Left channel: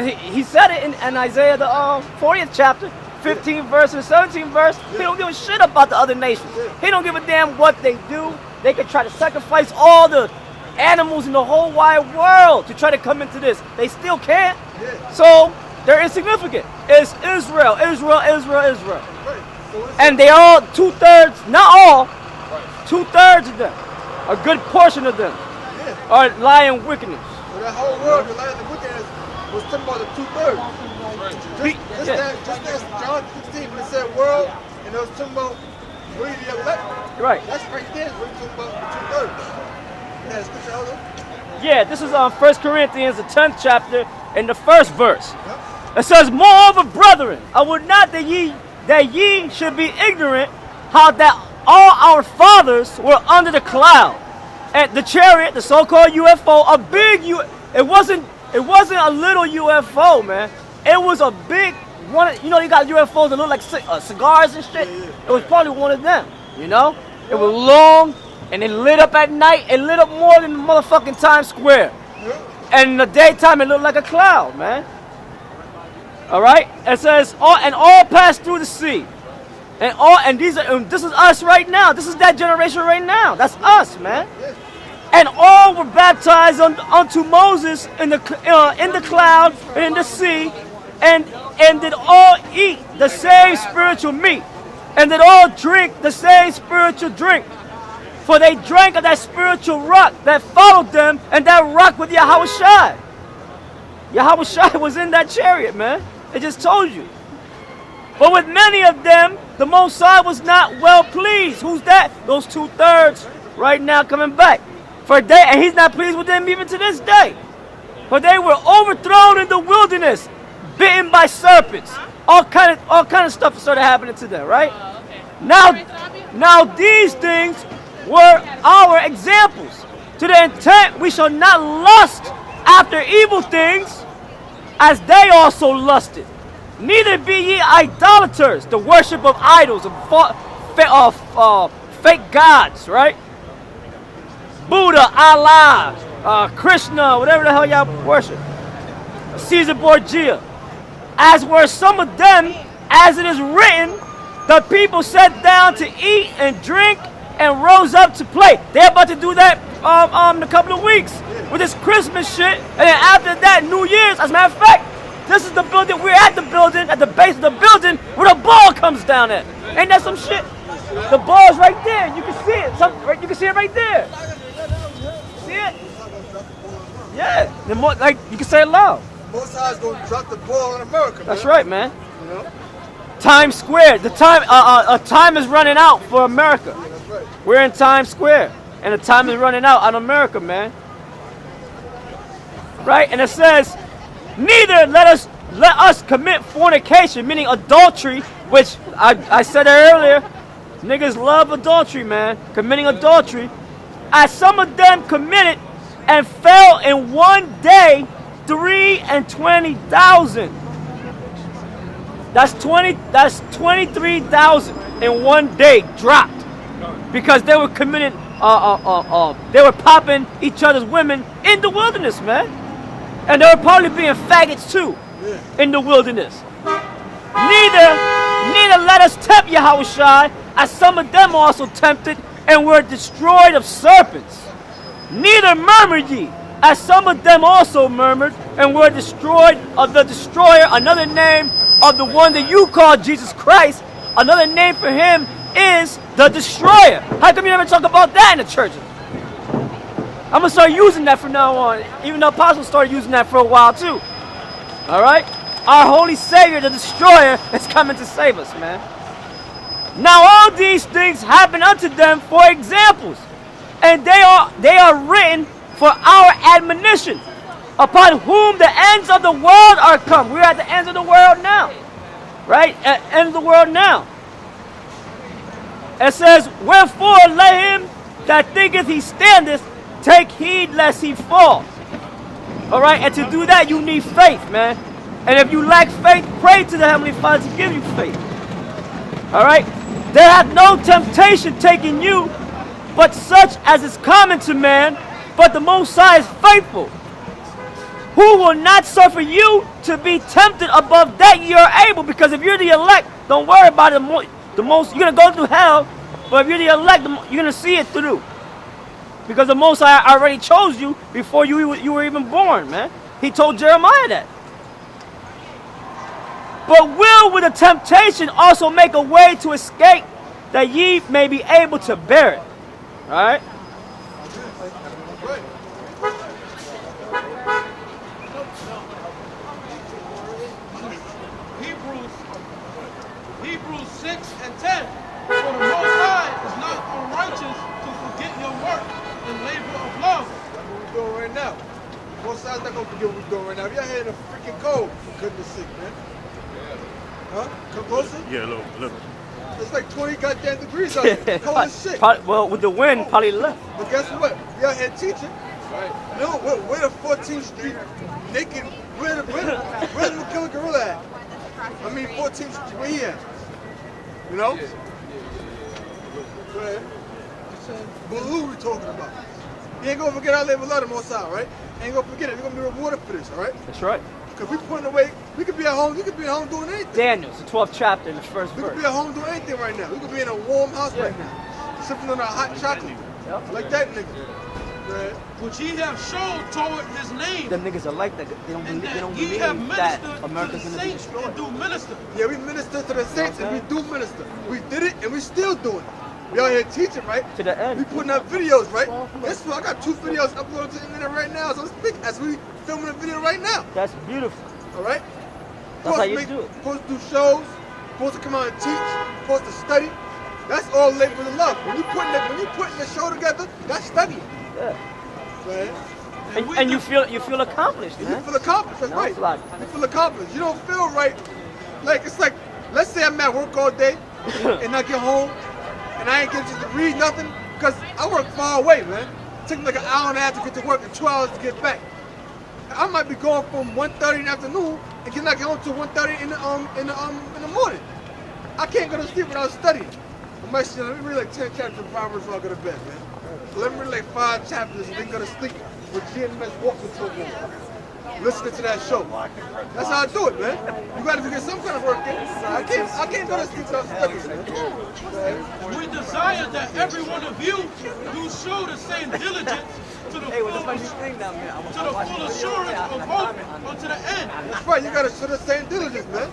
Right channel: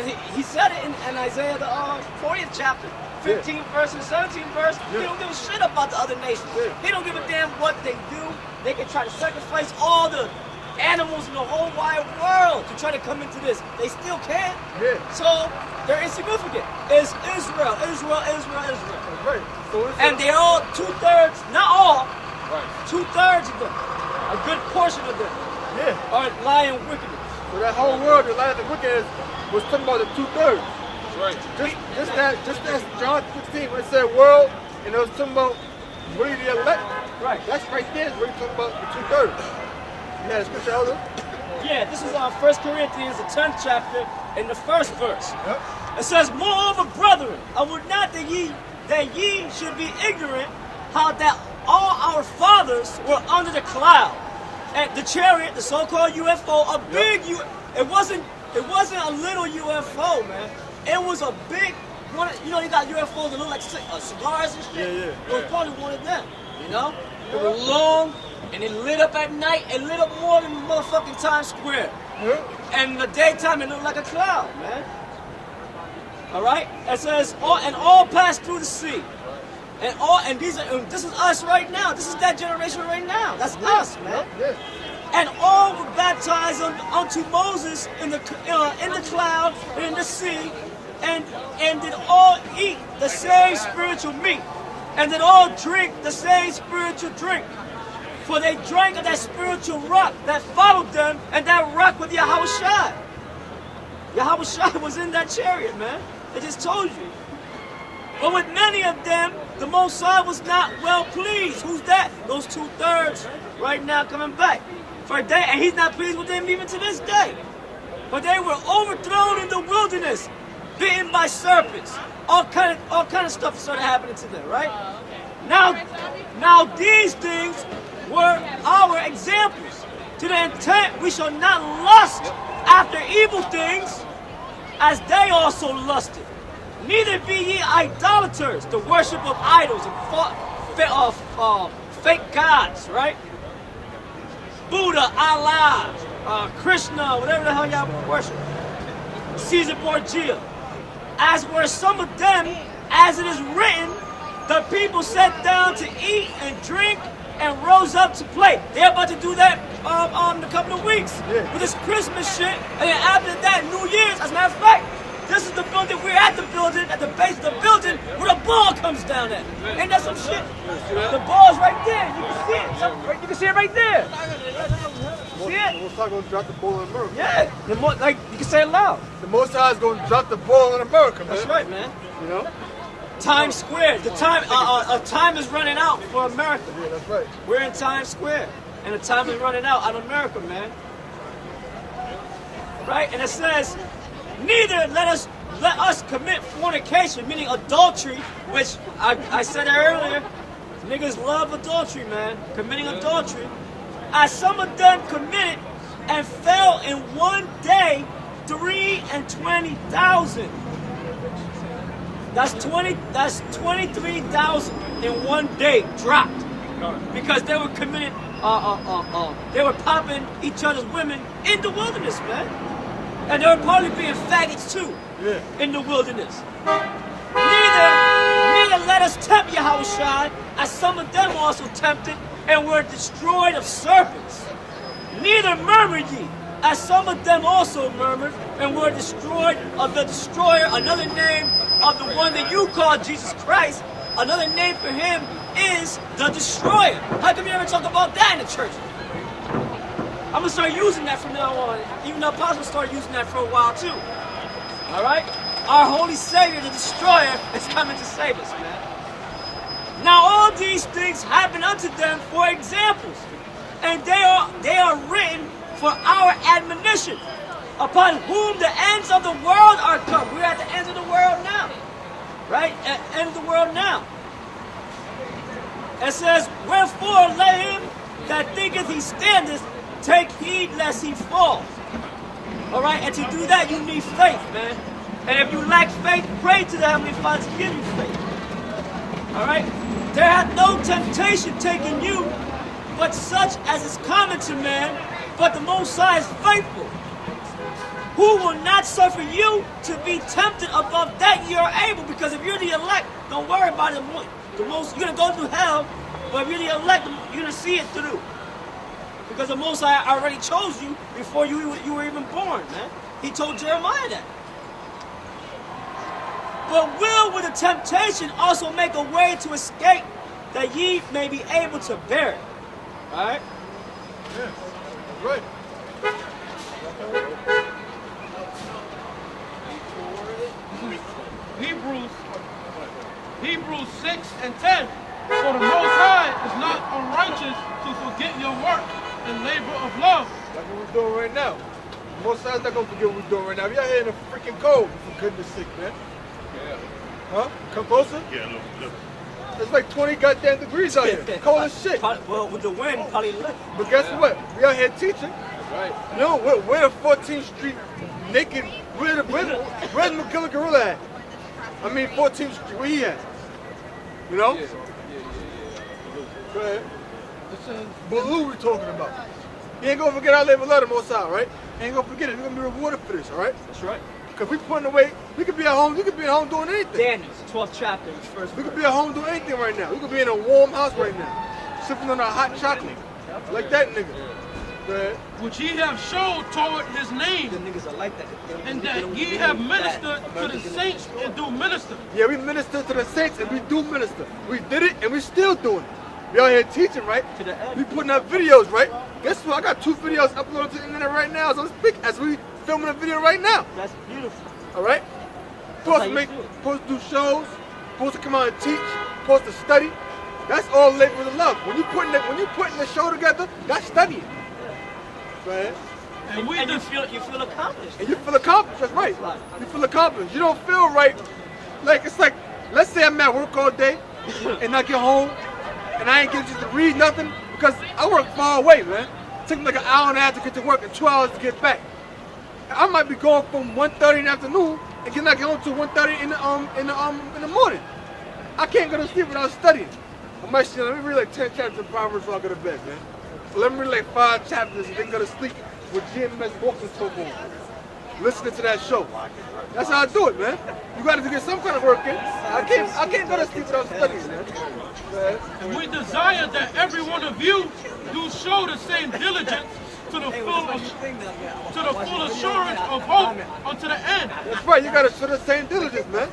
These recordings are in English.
He said it in Isaiah the 40th chapter, 15th verse and 17th verse. He don't give a shit about the other nations. He don't give a damn what they do. They can try to sacrifice all the animals in the whole wide world to try to come into this. They still can't. So they're insignificant. It's Israel, Israel, Israel, Israel. Right. So and they all, 2/3, not all, 2/3 of them, a good portion of them, are lying wickedness. So that whole world, the lying and wickedness, was talking about the 2/3. That's right. Just as John 16 when it said world, and it was talking about really the elect. Right. That's right there is really talking about the 2/3. You had a scripture, Elder? Yeah, this is on 1 Corinthians, the 10th chapter, in the first verse. Yep. It says, moreover, brethren, I would not that ye should be ignorant how that all our fathers were under the cloud. And the chariot, the so-called UFO, a big it wasn't a little UFO, man. It was a big one. You know, you got UFOs that look like cigars and shit. It was probably one of them. You know, it was long and it lit up at night. It lit up more than motherfucking Times Square. And in the daytime, it looked like a cloud, man. All right. It says all passed through the sea, and this is us right now. This is that generation right now. That's us, man. And all were baptized unto Moses in the cloud and in the sea, and did all eat the same spiritual meat, and did all drink the same spiritual drink. For they drank of that spiritual rock that followed them, and that rock was Yahushua. Yahushua was in that chariot, man. It just told you. But with many of them, the Most High was not well pleased. Who's that? Those 2/3 right now coming back. And he's not pleased with them even to this day. For they were overthrown in the wilderness, bitten by serpents. All kind of stuff started happening to them, right? Now these things were our examples, to the intent we shall not lust after evil things, as they also lusted. Neither be ye idolaters, the worship of idols and fake gods, right? Buddha, Allah, Krishna, whatever the hell y'all worship. Caesar Borgia. As were some of them, as it is written, the people sat down to eat and drink and rose up to play. They're about to do that in a couple of weeks with this Christmas shit. And then after that, New Year's, as a matter of fact, this is the building, we're at the building, at the base of the building, where the ball comes down at. Ain't that some shit? The ball's right there. You can see it. You can see it right there. See it? Yeah. You can say it loud. The Most High is going to drop the ball in America, man. That's right, man. You know? Times Square. The time is running out for America. Yeah, that's right. We're in Times Square, and the time is running out on America, man. Right? And it says, neither let us commit fornication, meaning adultery, which I said earlier. Niggas love adultery, man. Committing adultery. As some of them committed and fell in one day 23,000. That's 23,000 in one day dropped. Because they were committing, they were popping each other's women in the wilderness, man. And they were probably being faggots too in the wilderness. Neither let us tempt Yahushua, as some of them also tempted and were destroyed of serpents. Neither murmur ye, as some of them also murmured and were destroyed of the destroyer. Another name of the one that you call Jesus Christ, another name for him is the destroyer. How come you never talk about that in the church? I'm going to start using that from now on, even though Apostle started using that for a while too. All right? Our holy Savior, the destroyer, is coming to save us, man. Now all these things happen unto them for examples, and they are written for our admonition, upon whom the ends of the world are come. We're at the ends of the world now, right? At the end of the world now. It says, wherefore let him that thinketh he standeth take heed lest he fall. All right, and to do that you need faith, man. And if you lack faith, pray to the Heavenly Father to give you faith. All right, there hath no temptation taken you, but such as is common to man. But the Most High is faithful, who will not suffer you to be tempted above that you are able. Because if you're the elect, don't worry about it. The most you're gonna go through hell, but if you're the elect, you're gonna see it through. Because the Most High already chose you before you were even born, man. He told Jeremiah that. But will with the temptation also make a way to escape, that ye may be able to bear it. All right? Yeah, that's right. Hebrews 6 and 10. For the Most High is not unrighteous to forget your work and labor of love. That's what we're doing right now. Most sides not gonna forget what we're doing right now. We out here in the freaking cold, for goodness sake, man. Yeah. Huh? Come closer? Yeah. It's like 20 goddamn degrees out here. Cold as shit. Well, with the wind, probably left. But guess what? We out here teaching. Right. No, we're the 14th Street naked. Where's the McKiller Gorilla at? I mean 14th Street, where he at? You know? Yeah. Go ahead. But who we talking about? You ain't gonna forget our labor love the Most High, right? Ain't gonna forget it. We're gonna be rewarded for this, all right? That's right. Because we putting away, we could be at home, you could be at home doing anything. Daniel, the 12th chapter, the first We could verse. be at home doing anything right now. We could be in a warm house right now, sipping on our hot chocolate. Like that nigga. Go ahead. Which ye have showed toward his name, The niggas are like that. and that ye have ministered to the saints and do minister. Yeah, we minister to the saints and we do minister. We did it and we still doing it. We out here teaching, right? To the end. We putting up videos, right? Guess what? I got 2 videos uploaded to the internet right now as I'm speaking, as we filming a video right now. That's beautiful. All right? how Supposed to you make, do it. supposed to do shows, supposed to come out and teach, supposed to study. That's all labor of love. When you putting the show together, that's studying. Yeah. Go ahead. And we And you dis- feel accomplished. And you feel accomplished. That's right. You feel accomplished. You don't feel right. Like it's like, let's say I'm at work all day and I get home and I ain't get just to read nothing because I work far away, man. It took me like an hour and a half to get to work and 2 hours to get back. I might be going from 1:30 in the afternoon and not get home till 1:30 in the morning. I can't go to sleep without studying. I might say, let me read like 10 chapters of Proverbs before I go to bed, man. Let me read like 5 chapters and then go to sleep with GMS walking talk on. Listening to that show. That's how I do it, man. You gotta get some kind of work in. I can't go to sleep without studying, man. and we desire that every one of you do show the same diligence to the full assurance of hope unto the end. That's right, you gotta show the same diligence, man.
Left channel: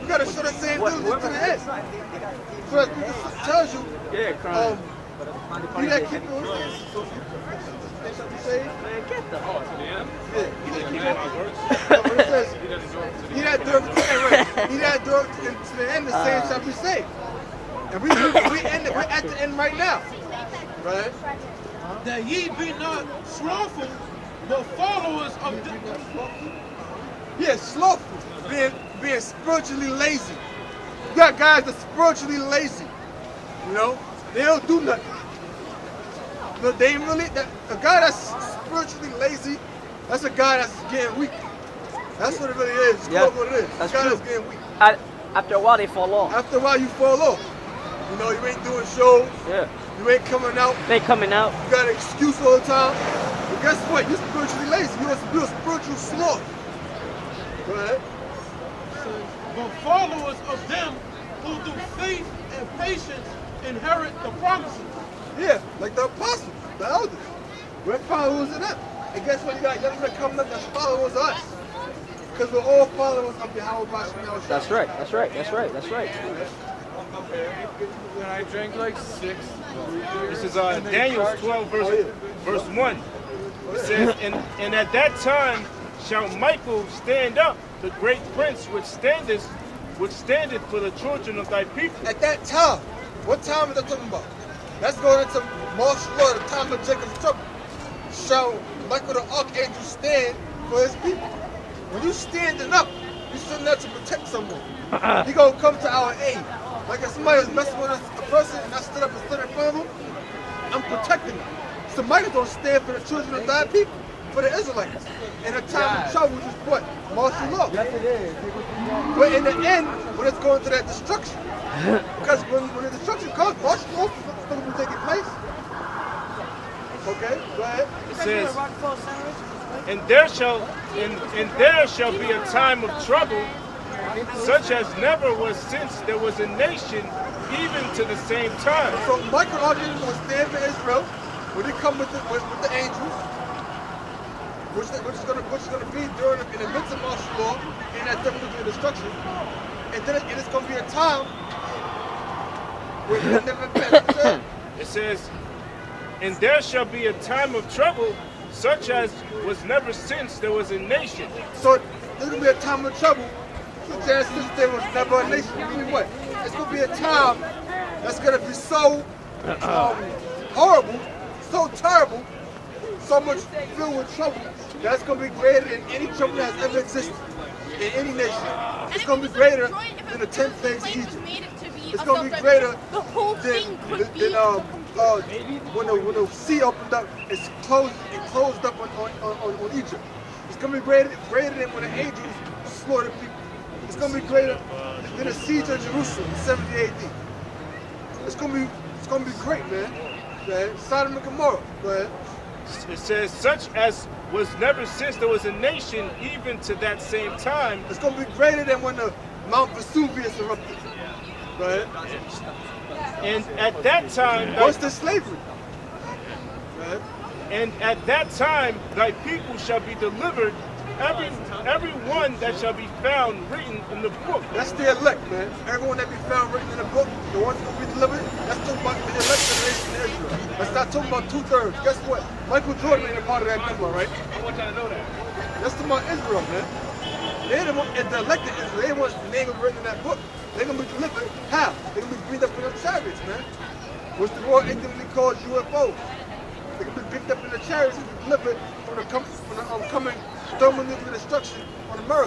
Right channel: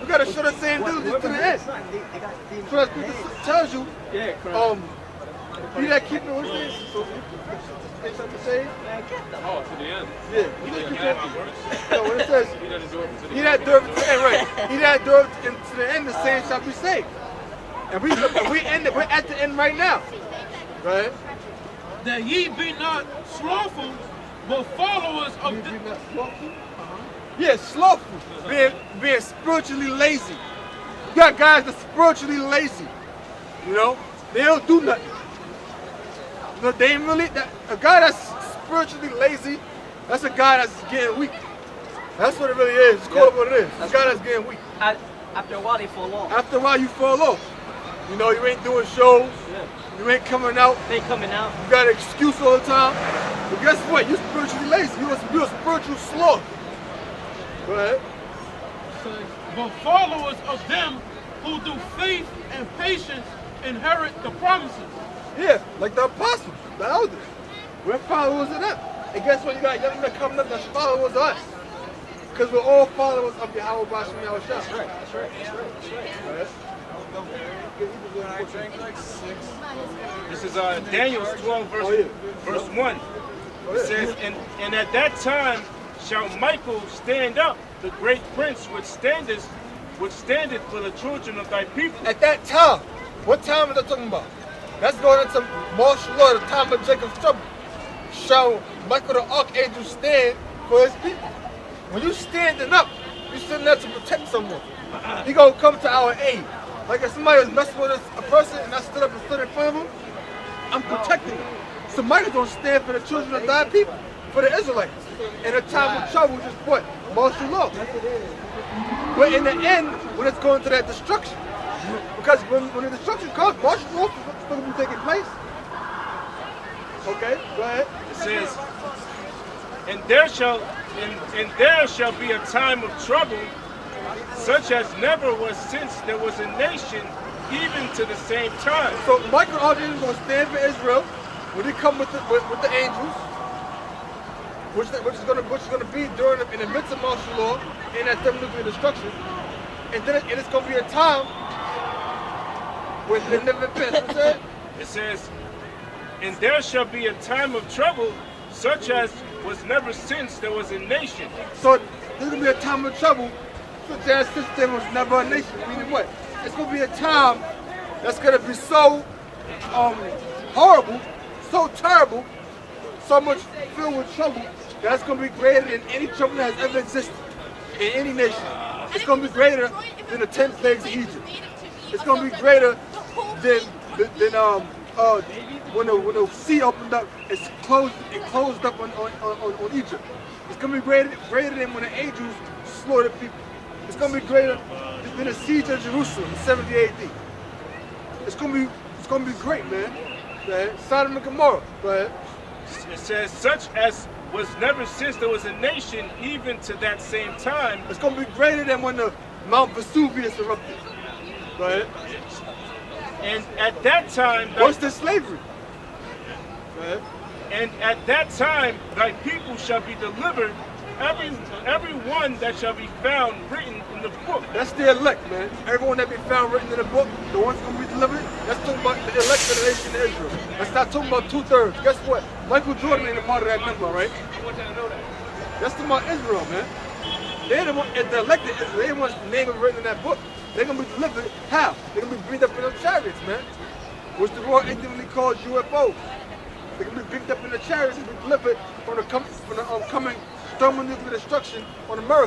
You gotta show the same diligence to the end. So that scripture tells you, he that keepeth, what's this? They shall be saved. Oh, to the end. Yeah. He doesn't do my works. No, when it says, He doesn't do it to the he end. that endureth to the end, right. He that endureth to the end, the same shall be saved. And we're at the end right now. Right? That ye be not slothful, but followers of We the, not slothful? Yeah, slothful. Being spiritually lazy. You got guys that's spiritually lazy. You know? They don't do nothing. You know, they ain't really, a guy that's spiritually lazy, that's a guy that's getting weak. That's what it really is. It's called what it is. A guy that's getting weak. After a while, they fall off. After a while, you fall off. You know, you ain't doing shows. Yeah. You ain't coming out. They coming out. You got an excuse all the time. But guess what? You're spiritually lazy. You're a spiritual sloth. Go ahead. but followers of them who do faith and patience inherit the promises. Yeah, like the apostles, the elders. We're followers of them. And guess what? You got young men coming up that's followers of us. Because we're all followers of Yahweh Bashim Yahweh. That's right. That's right. That's right. That's right. This is Daniel 12, verse 1. Oh, It says, and at that time shall Michael stand up, the great prince which standeth for the children of thy people. At that time, what time is that talking about? That's going into martial law, the time of Jacob's trouble. Shall Michael the archangel stand for his people? When you standing up, you standing up to protect someone. He gonna come to our aid. Like if somebody was messing with a person and I stood up and stood in front of him, I'm protecting them. So Michael's gonna stand for the children of thy people, for the Israelites. In a time of trouble, which is what? Martial law. But in the end, when it's going to that destruction, because when the destruction comes, martial law is still going to be taking place. Okay, go ahead. It says, and there shall be a time of trouble, such as never was since there was a nation, even to the same time. So Michael Archangel is going to stand for Israel when they come with the angels, which is going to be in the midst of martial law and that thermonuclear destruction, and then it's going to be a time when there never been. It says, and there shall be a time of trouble, such as was never since there was a nation. So there's going to be a time of trouble, such as since there was never a nation. Meaning what? It's going to be a time that's going to be so horrible, so terrible, so much filled with trouble, that's going to be greater than any trouble that has ever existed in any nation. It's going to be greater than the 10 plagues of Egypt. It's going to be greater than when the sea opened up, it closed up on Egypt. It's going to be greater than when the angels slaughtered people. It's going to be greater than the siege of Jerusalem in 70 AD. It's going to be great, man. Go ahead. Sodom and Gomorrah. Go ahead. It says, such as was never since there was a nation, even to that same time. It's going to be greater than when the Mount Vesuvius erupted. Go ahead. And at that time, Worse than slavery. Go ahead. and at that time thy people shall be delivered, every one that shall be found written in the book. That's the elect, man. Everyone that be found written in the book, the ones going to be delivered, that's talking about the elect of the nation of Israel. That's not talking about 2/3. Guess what? Michael Jordan ain't a part of that number, right? I want y'all to know that. That's talking about Israel, man. They're the one, the elected Israel. They're the ones name written in that book. They're going to be delivered. How? They're going to be breathed up in them chariots, man. Which the world ignorantly calls UFOs. They're going to be picked up in the chariots and be delivered from the coming thermonuclear destruction on America.